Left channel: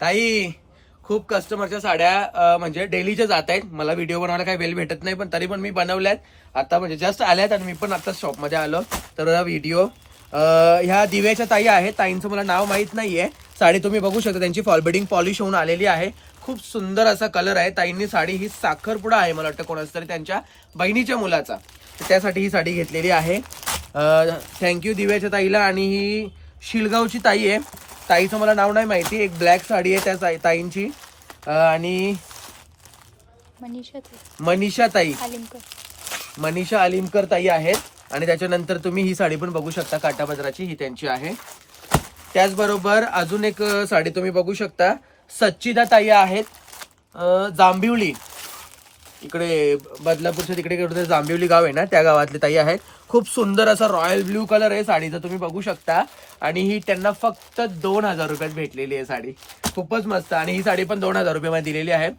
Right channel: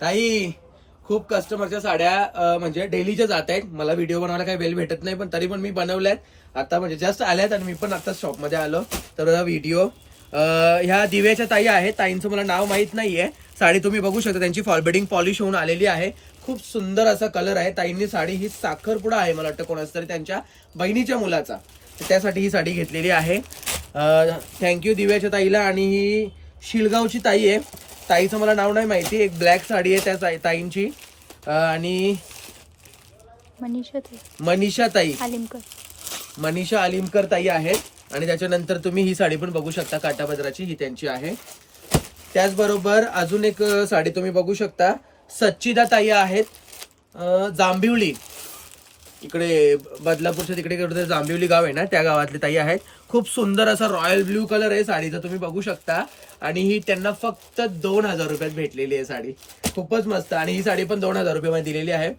ताई खूप कस्टमरच्या साड्या म्हणजे डेलीच्या जात आहेत. मला व्हिडिओ बनवायला काही वेळ भेटत नाही, पण तरी पण मी बनवल्यात. आता म्हणजे जस्ट आल्यात आणि मी पण आता शॉपमध्ये आलो. तर व्हिडिओ ह्या दिव्याच्या ताई आहेत. ताईंचं मला नाव माहित नाहीये. साडी तुम्ही बघू शकता, त्यांची फॉलबेडिंग पॉलिश होऊन आलेली आहे. खूप सुंदर असा कलर आहे. ताईंनी साडी ही साखरपुडा आहे मला वाटतं कोणाच तरी त्यांच्या बहिणीच्या मुलाचा, त्यासाठी ही साडी घेतलेली आहे. थँक्यू दिव्याच्या ताईला. आणि ही शिळगावची ताई आहे. ताईचं मला नाव नाही माहिती. एक ब्लॅक साडी आहे त्या ताईंची. आणि मनीषा अलिमकर ताई आहेत. आणि त्याच्यानंतर तुम्ही ही साडी पण बघू शकता, काटापदराची, ही त्यांची आहे. त्याचबरोबर अजून एक साडी तुम्ही बघू शकता, सच्चिदा ताई आहेत, जांभिवली, इकडे बदलापूरच्या तिकडे जांभिवली गाव आहे ना, त्या गावातली ताई आहेत. खूप सुंदर असा रॉयल ब्ल्यू कलर आहे साडीचा, तुम्ही बघू शकता. आणि ही त्यांना फक्त 2000 रुपयात भेटलेली आहे साडी. खूपच मस्त. आणि ही साडी पण 2000 रुपयामध्ये दिलेली आहे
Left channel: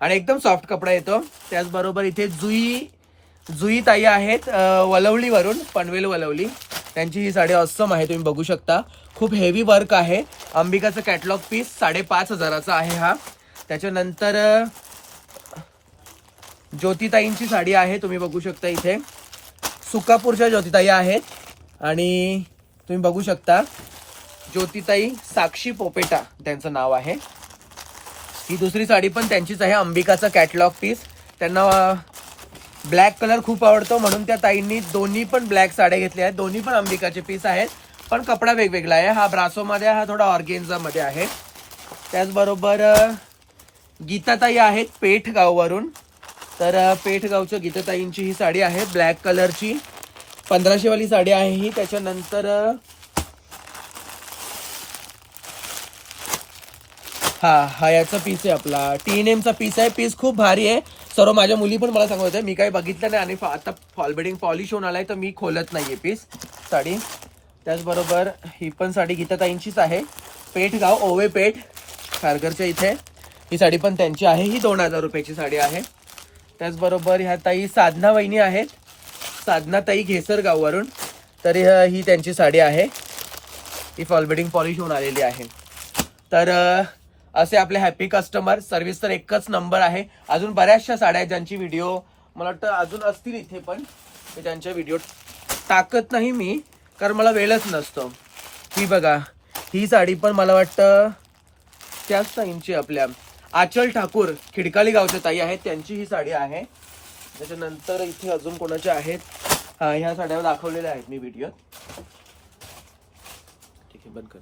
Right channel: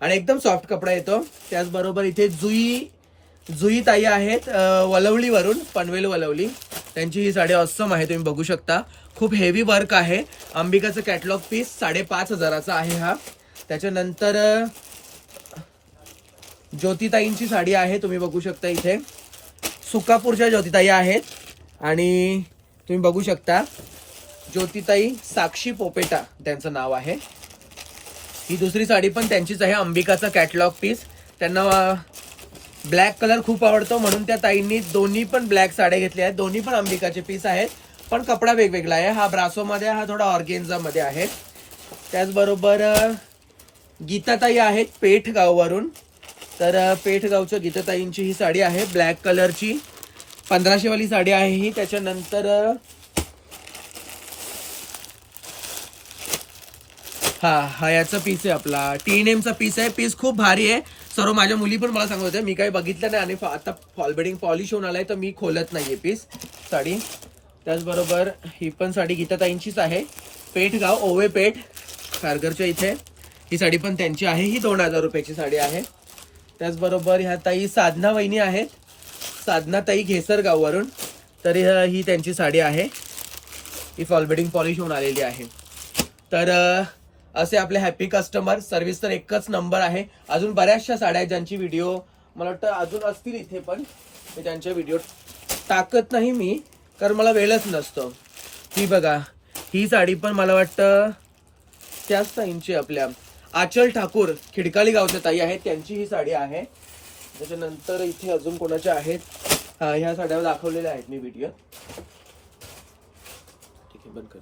आणि एकदम सॉफ्ट कपडा येतो. त्याचबरोबर इथे जुई ताई आहेत, वलवलीवरून, पनवेल वलवली. त्यांची ही साडी ऑसम आहे, तुम्ही बघू शकता. खूप हेवी वर्क आहे. अंबिकाचं कॅटलॉग पीस 5500चा आहे हा. त्याच्यानंतर ज्योतिताईंची साडी आहे, तुम्ही बघू शकता. इथे सुकापूरच्या ज्योतिताई आहेत. आणि तुम्ही बघू शकता, ज्योतिताई साक्षी पोपेटा त्यांचं नाव आहे. ही दुसरी साडी पण त्यांचीच आहे, अंबिकाचा कॅटलॉग पीस. त्यांना ब्लॅक कलर खूप आवडतो, म्हणून त्या ताईंनी दोन्ही पण ब्लॅक साड्या घेतल्या आहेत. दोन्ही पण अंबिकाचे पीस आहेत, पण कपडा वेगवेगळा आहे. हा ब्रासोमध्ये, हा थोडा ऑर्गेन्झामध्ये आहे. त्याचबरोबर गीताताई आहेत पेठगाववरून. तर पेठगावच्या गीताताईंची ही साडी आहे, ब्लॅक कलरची, 1500 वाली साडी आहे ही. त्याच्यानंतर हा याचा पीस आहे, आपला TNMचा पीस आहे. पीस खूप भारी आहे. सर्व माझ्या मुली पण मला सांगत होत्या, मी काही बघितलं नाही आणि आता फॉलबेडिंग पॉलिश होऊन आलाय, तर मी खोलत नाहीये पीस साडी. त्याचबरोबर ही पण साडी गीताताईंचीच आहे, पेठगाव, ओवे पेठ, खारघरच्या इथे. ही साडी पण त्यांची आहे. ही 2000 रुपयाची साडी आहे. त्याचबरोबर ह्या ताई साधना वहिनी आहेत, साधना ताई घेसरगाववरून. तर ही त्यांची साडी आहे, ही फॉलबेडिंग पॉलिश होऊन आलेली आहे. तर असे आपले हॅपी कस्टमर. सर्व्हिस तर एकच नंबर आहे. अजून बऱ्याचशा साड्या ज्यांची व्हिडिओ मला वाटतं अजून असतील इथे, पण त्यांच्या व्हिडिओ टाकत नाही मी, कारण मला वेळच नसतो. ही बघा, ही साडी पण मला वाटतं त्याच ताईंची, आपल्या आचल ठाकूर, खिडकाली गावच्या ताई आहेत, त्यांची ही साडी आहे. त्याच्यानंतर इथे अजून कोणाचे आहेत, ह्या साड्या दाखवलेल्या आहेत मी व्हिडिओ. ठीक आहे, बंद कर.